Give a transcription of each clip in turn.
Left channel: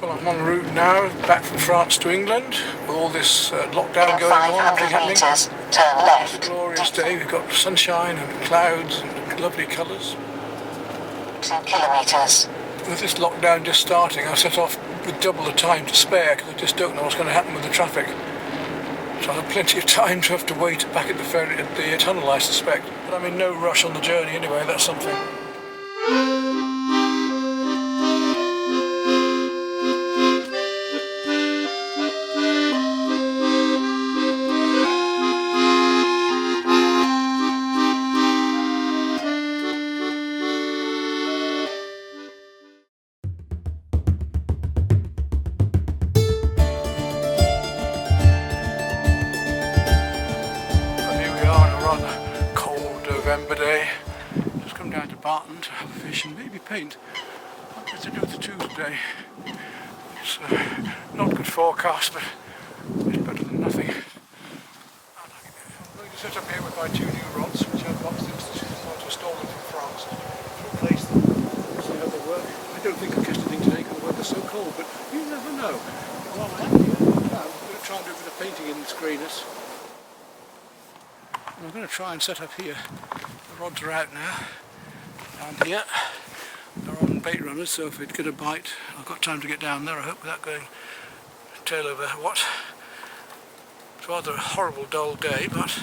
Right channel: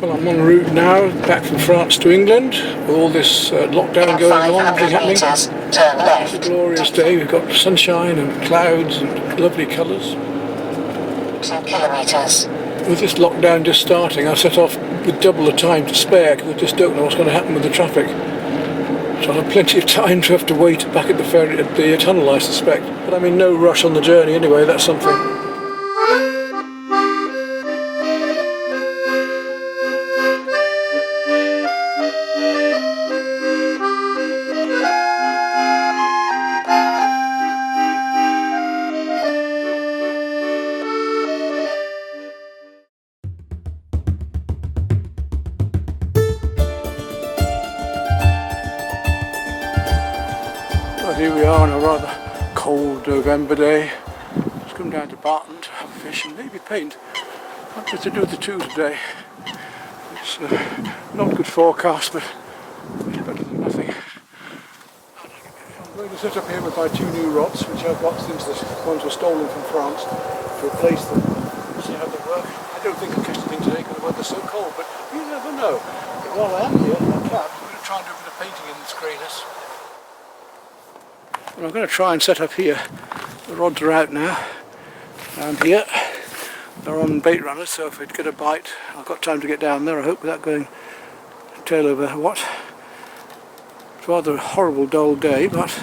Well, I'm en route now, back from France to England, with all this lockdown going on, everything happening. It's a glorious day, we've got sunshine and clouds and lovely colours. 2 kilometres. With this lockdown just starting, I set off with double the time to spare, because I just don't know what's going to happen with the traffic. So I'll have plenty of time to have to wait back at the ferry, at the tunnel, I suspect. But I'm in no rush on the journey anyway, that's something. Here we are on a rather cold November day. Just come down to Barton to have a fish and maybe paint. I've got to do the two today. It's not good forecast, but it's better than nothing. I'm going to sit up here with my two new rods, which I've got since the ones were stolen from France, to replace them. See how they work. I don't think I'll catch anything today because the weather's so cold, but you never know. But while I am here, I can. I'm going to try and do a bit of painting in this greyness. And I'm going to try and set up here. The rods are out now, and here they're on bait runners, so if I get a bite I've got time to get down there, I hope, without going tail over what. It's rather a horrible dull day, but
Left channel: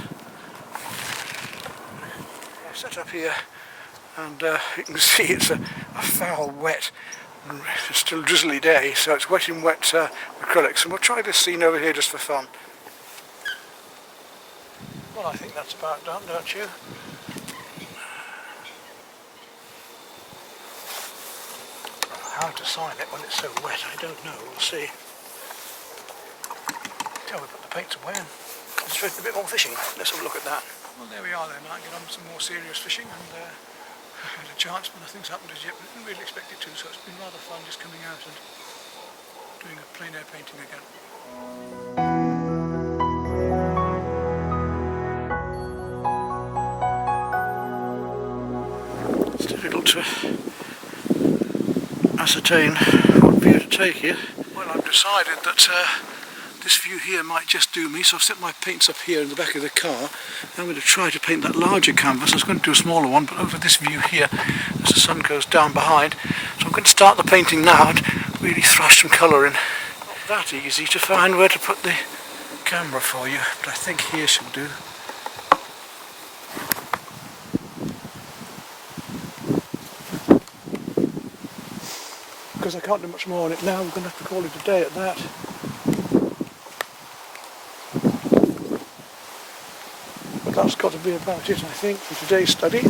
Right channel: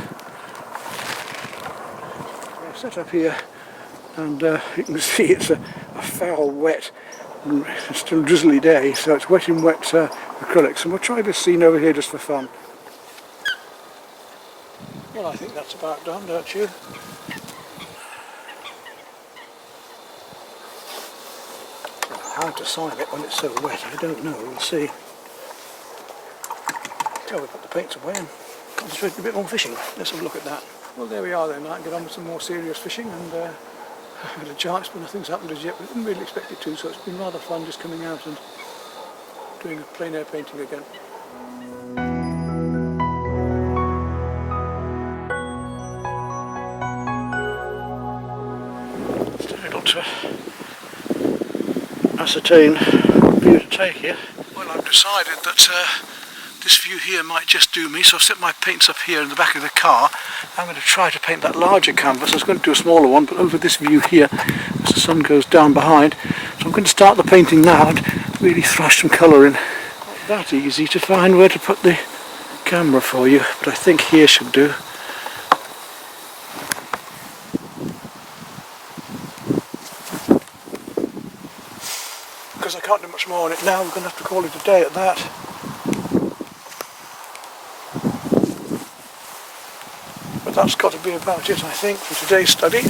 I'll set up here, and you can see it's a foul, wet, still drizzly day, so it's wet in wet acrylics, and we'll try this scene over here just for fun. Well, I think that's about done, don't you? How to sign it when it's so wet, I don't know, we'll see. Till we put the paints away and concentrate a bit more fishing. Let's have a look at that. Well, there we are then. I can get on with some more serious fishing, and I had a chance, but nothing's happened as yet, but I didn't really expect it to, so it's been rather fun just coming out and doing a plein air painting again. To ascertain what view to take here. Well, I've decided that this view here might just do me, so I've set my paints up here in the back of the car. I'm going to try to paint that larger canvas. I was going to do a smaller one, but over this view here, as the sun goes down behind. So I'm going to start the painting now and really thrash some colour in. Not that easy to find where to put the camera for you, but I think here should do. Because I can't do much more on it now, we're going to have to call it a day at that. But that's got to be about it, I think, for today's study.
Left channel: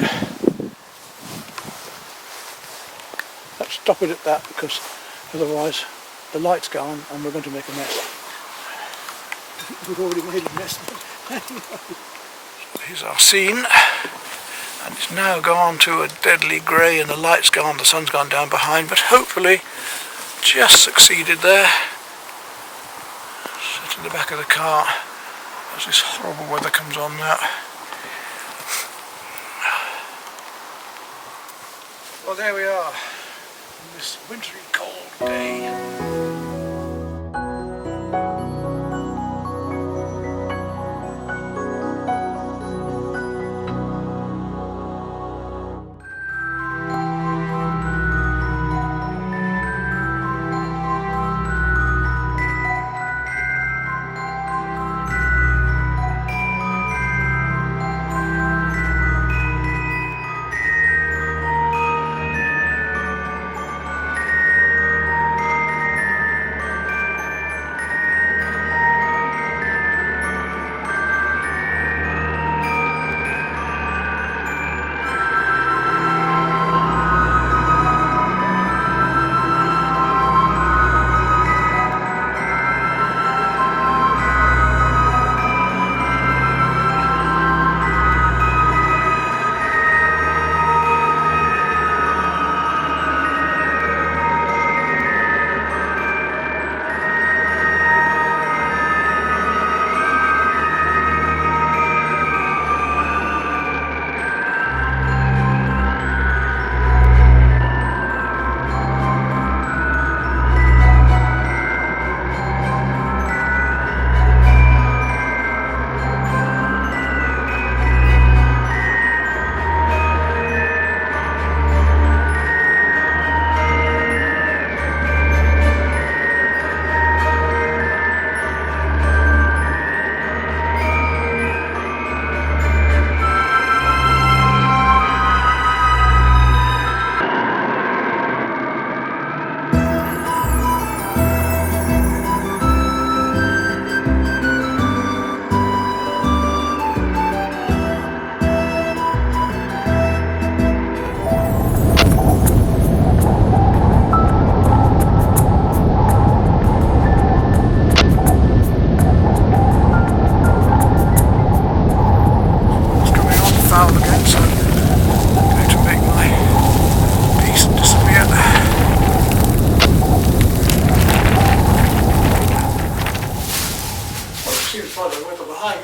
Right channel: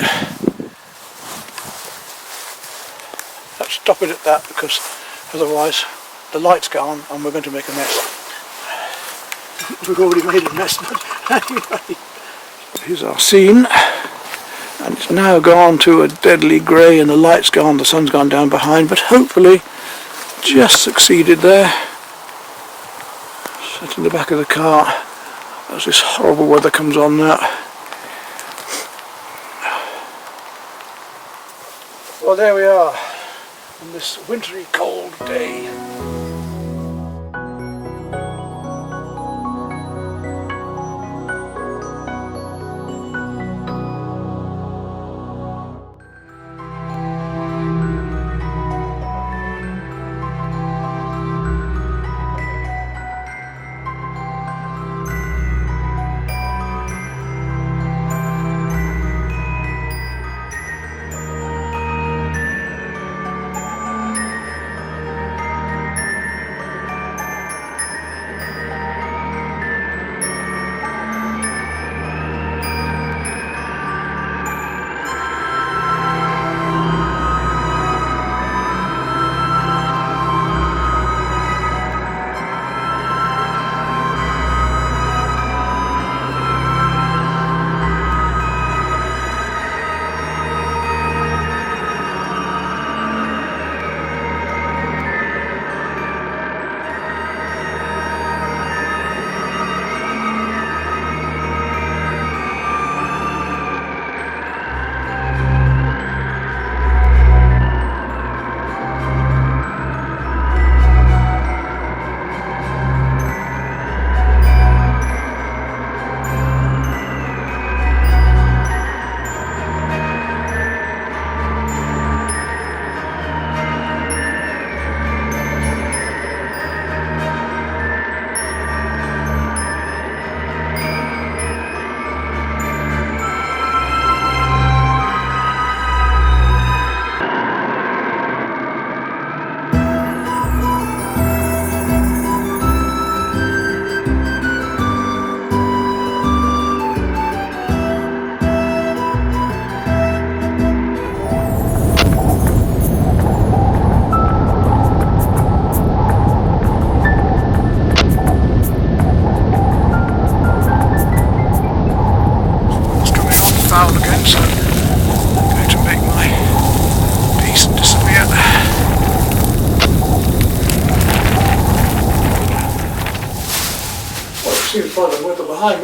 Let's stop it at that, because otherwise the lights go on and we're going to make a mess. We've already made a mess, but anyway. So here's our scene. And it's now gone to a deadly grey, and the light's gone, the sun's gone down behind, but hopefully just succeeded there. Set in the back of the car as this horrible weather comes on now. Well, there we are on this wintry cold day.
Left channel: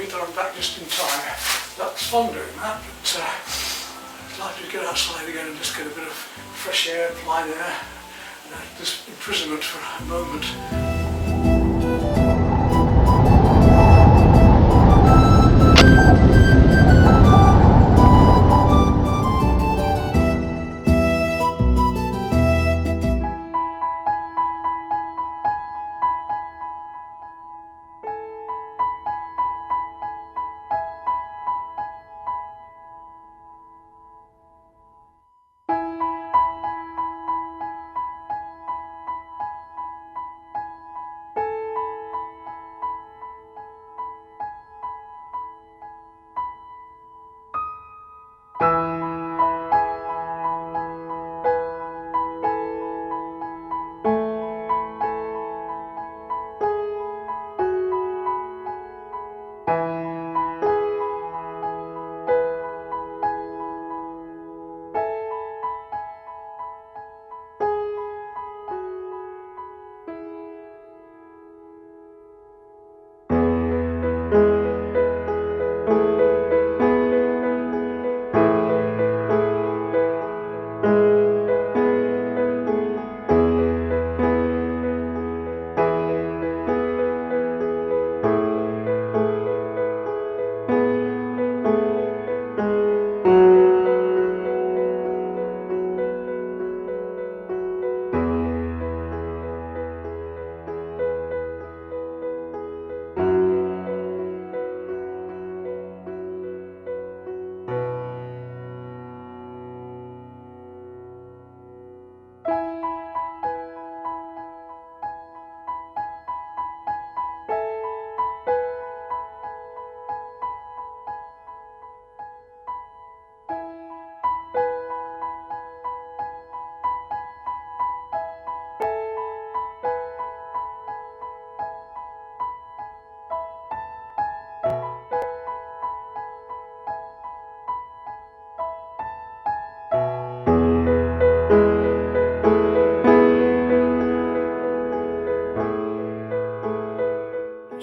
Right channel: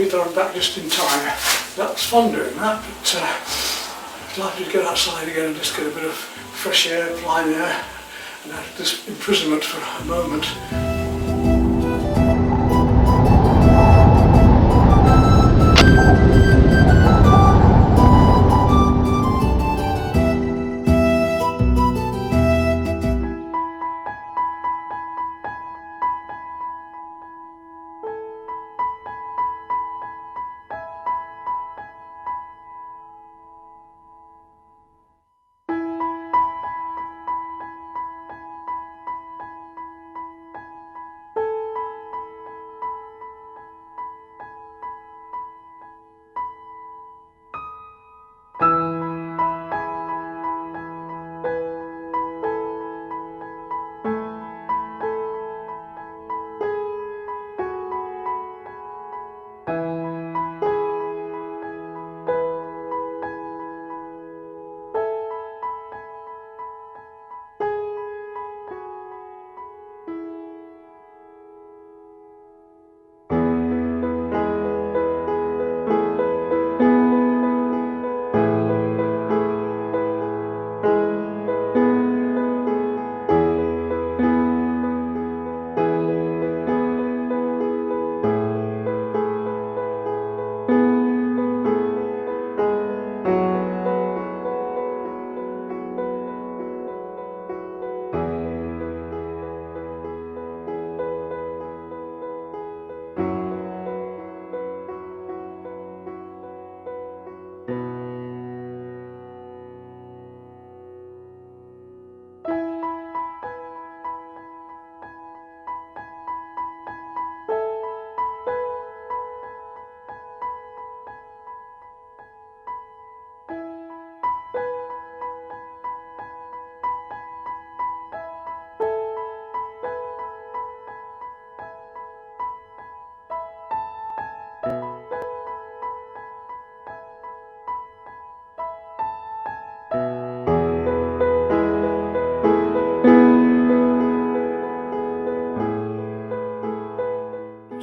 happy that I'm back just in time. That was fun doing that, but I'd like to get outside again and just get a bit of fresh air, plain air, and out of this imprisonment for a moment.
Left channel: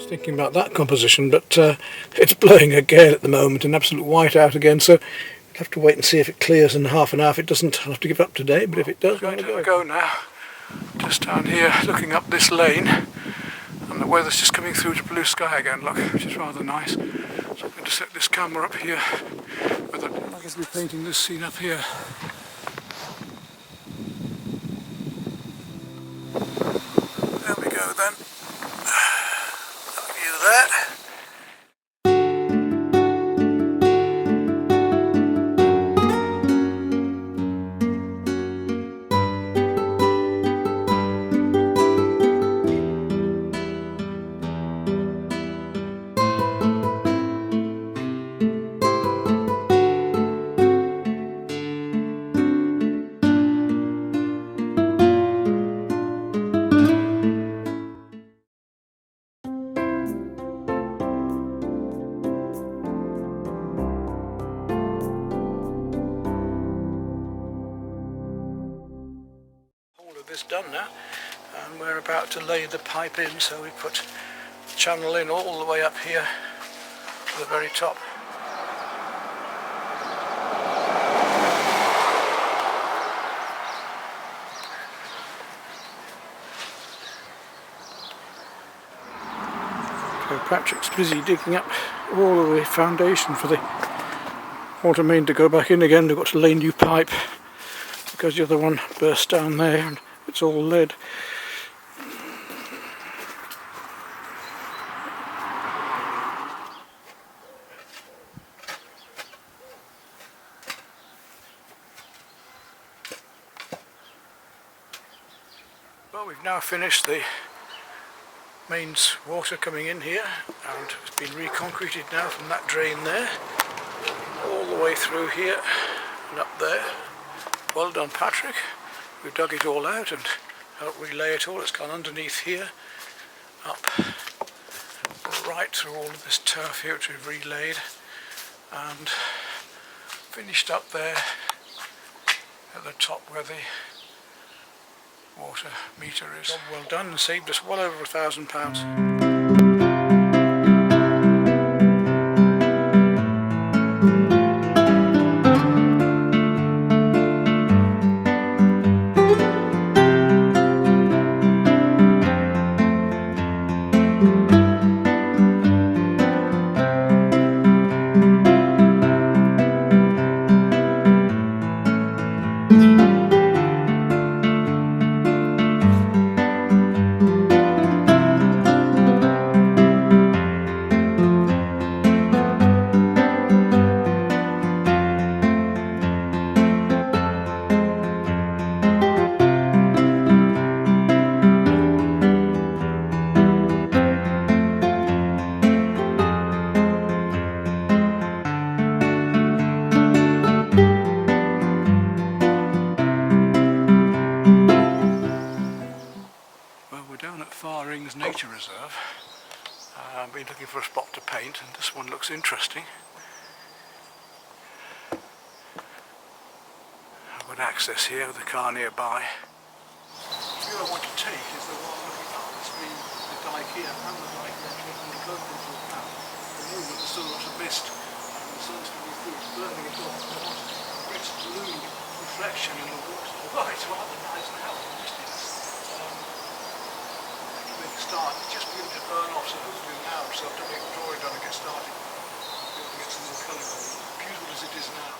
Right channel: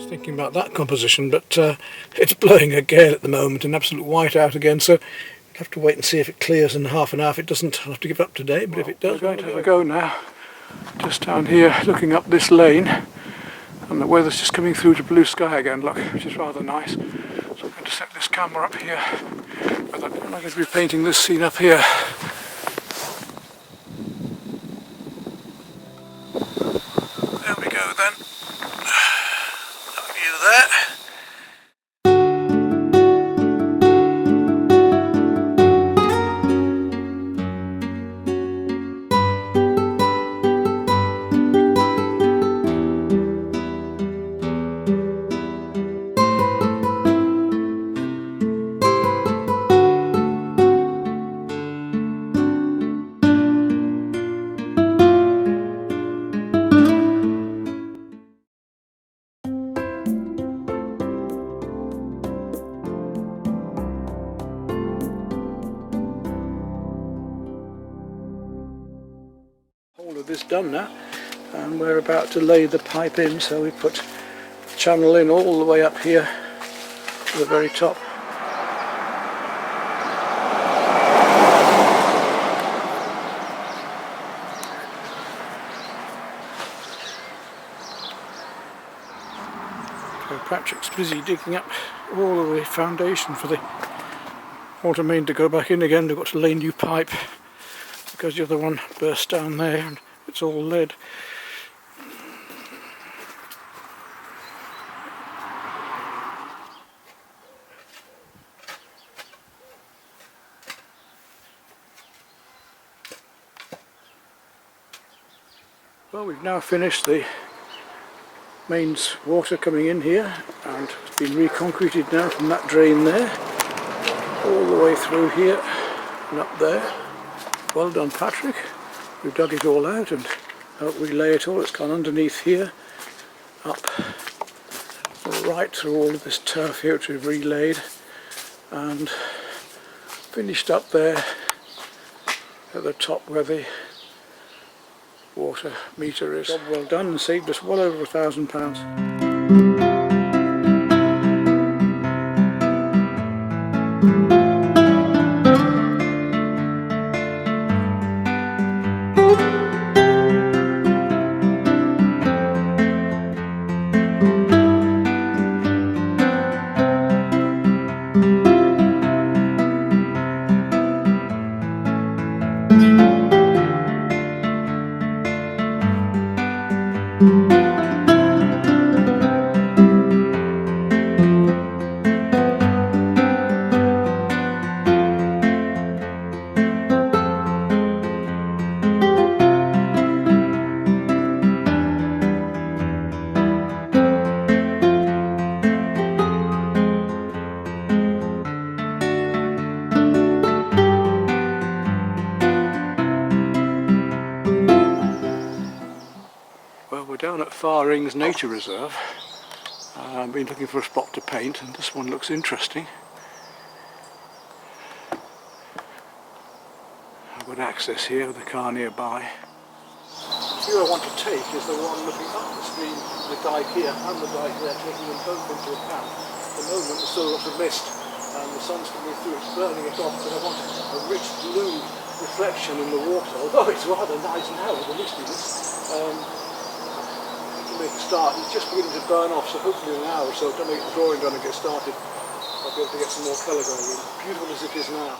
Thinking about that composition, but it's blowing a gale at the moment, an absolute whiteout again, so I'll have to wait and see if it clears in half an hour. If it doesn't, I'll have to give it up today, but if it does, we're going to go now. Just down here looking up this lane, and the weather's just coming through to blue sky again, look, which is rather nice. So I'm going to set this camera up here, but I'm going to be painting this scene up here. There we go then. That. This done now, and we're about to lay the pipe in, so we put the channel in all the way up here to the very top. So Patrick's busy digging up all of the foundation for the water main to go back in again. They've got to lay new pipe because the other one burst down there and it's all lead. Well, we've now finished the mains water coming in here, and it's been reconcreted now from that drain there all the way through here and up there. Well done, Patrick. We've dug it all out and helped relay it all. It's gone underneath here, up right through all of this turf here which we've relayed, and finished up there at the top where the water meter is. Job well done, and saved us well over £1,000. Well, we're down at Farrings Nature Reserve. I've been looking for a spot to paint, and this one looks interesting. I've got access here with a car nearby. The view I want to take is the one looking up the stream, the dike here and the dike there, taking them both into account. At the moment there's still a lot of mist and the sun's coming through, it's burning it off, but I want a rich blue reflection in the water, although it's rather nice now with the mistiness. To make a start, it's just beginning to burn off, so hopefully in an hour or so, don't make the drawing done and get started, I'll be able to get some more colour going in. Beautiful as it is now.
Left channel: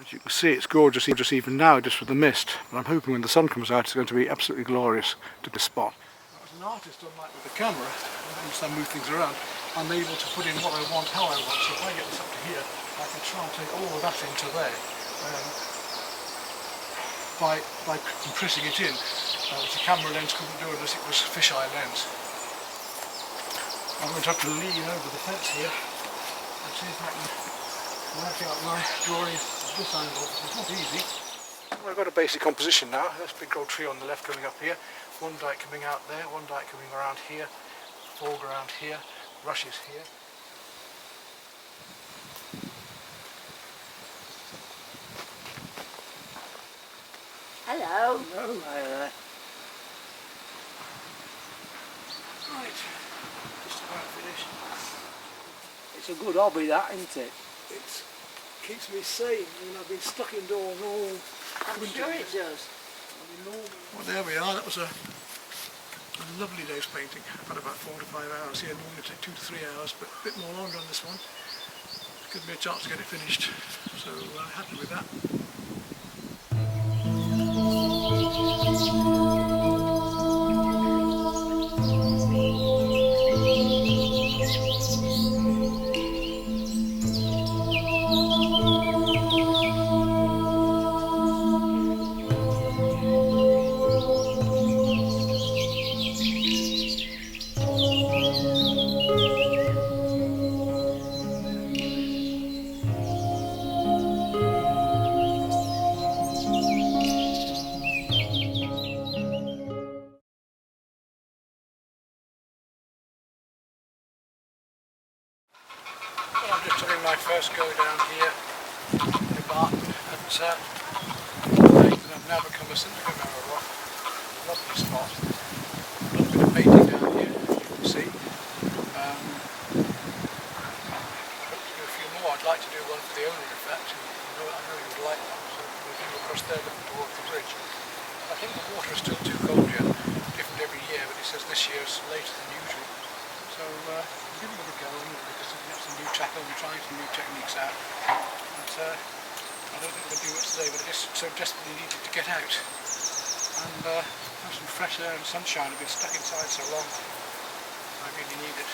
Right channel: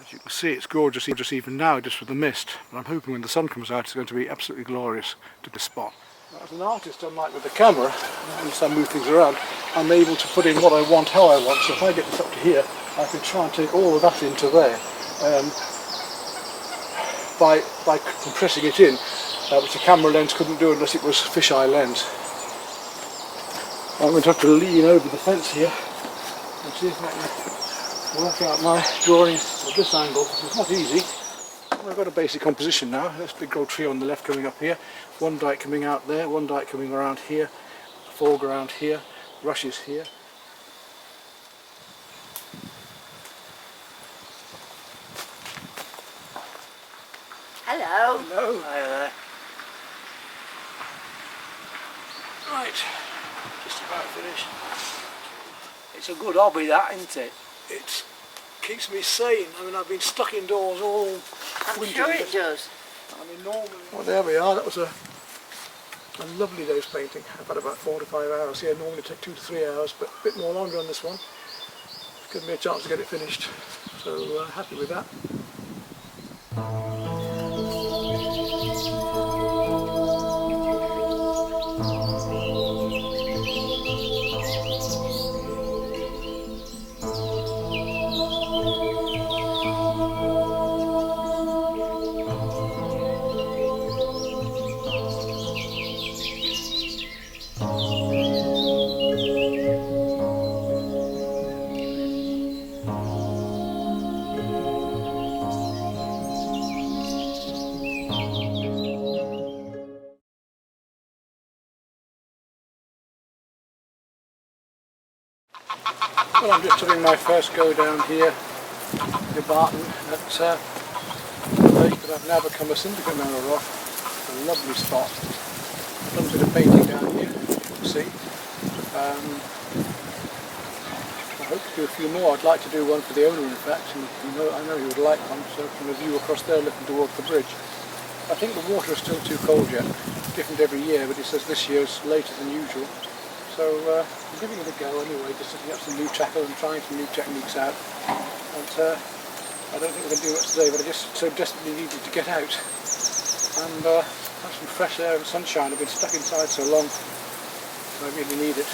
As you can see, it's gorgeous even now, just with the mist. But I'm hoping when the sun comes out, it's going to be absolutely glorious to this spot. As an artist, unlike with the camera, and as I move things around, I'm able to put in what I want, how I want. So if I get this up to here, I can try and take all of that into there by compressing it in, which a camera lens couldn't do unless it was fisheye lens. I'm going to have to lean over the fence here and see if I can work out my drawing at this angle. It's not easy. I've got a basic composition now. There's a big old tree on the left coming up here, one dike coming out there, one dike coming around here, foreground here, rushes here. Hello. Hello. Hi there. Right, just about finished. It's a good hobby, that, isn't it? It keeps me sane. I mean, I've been stuck indoors all winter. Sure it does. I mean, normally... Well, there we are. That was a lovely day's painting. I've had about 4 to 5 hours here. Normally take 2 to 3 hours, but a bit more longer on this one. It's given me a chance to get it finished. So happy with that. Well, I'm just having my first go down here near Barton at the lake that I've now become a syndicate member of. It's a lovely spot. I've done a bit of painting down here, as you can see. I hope to do a few more. I'd like to do one for the owner, in fact, and I know he would like one, so from a view across there looking towards the bridge. I think the water is still too cold yet, different every year, but he says this year's later than usual. So I'm giving it a go anyway, just setting up some new tackle and trying some new techniques out. And I don't think we're going to do much today, but I just so desperately needed to get out and have some fresh air and sunshine. I've been stuck inside so long, I really need it.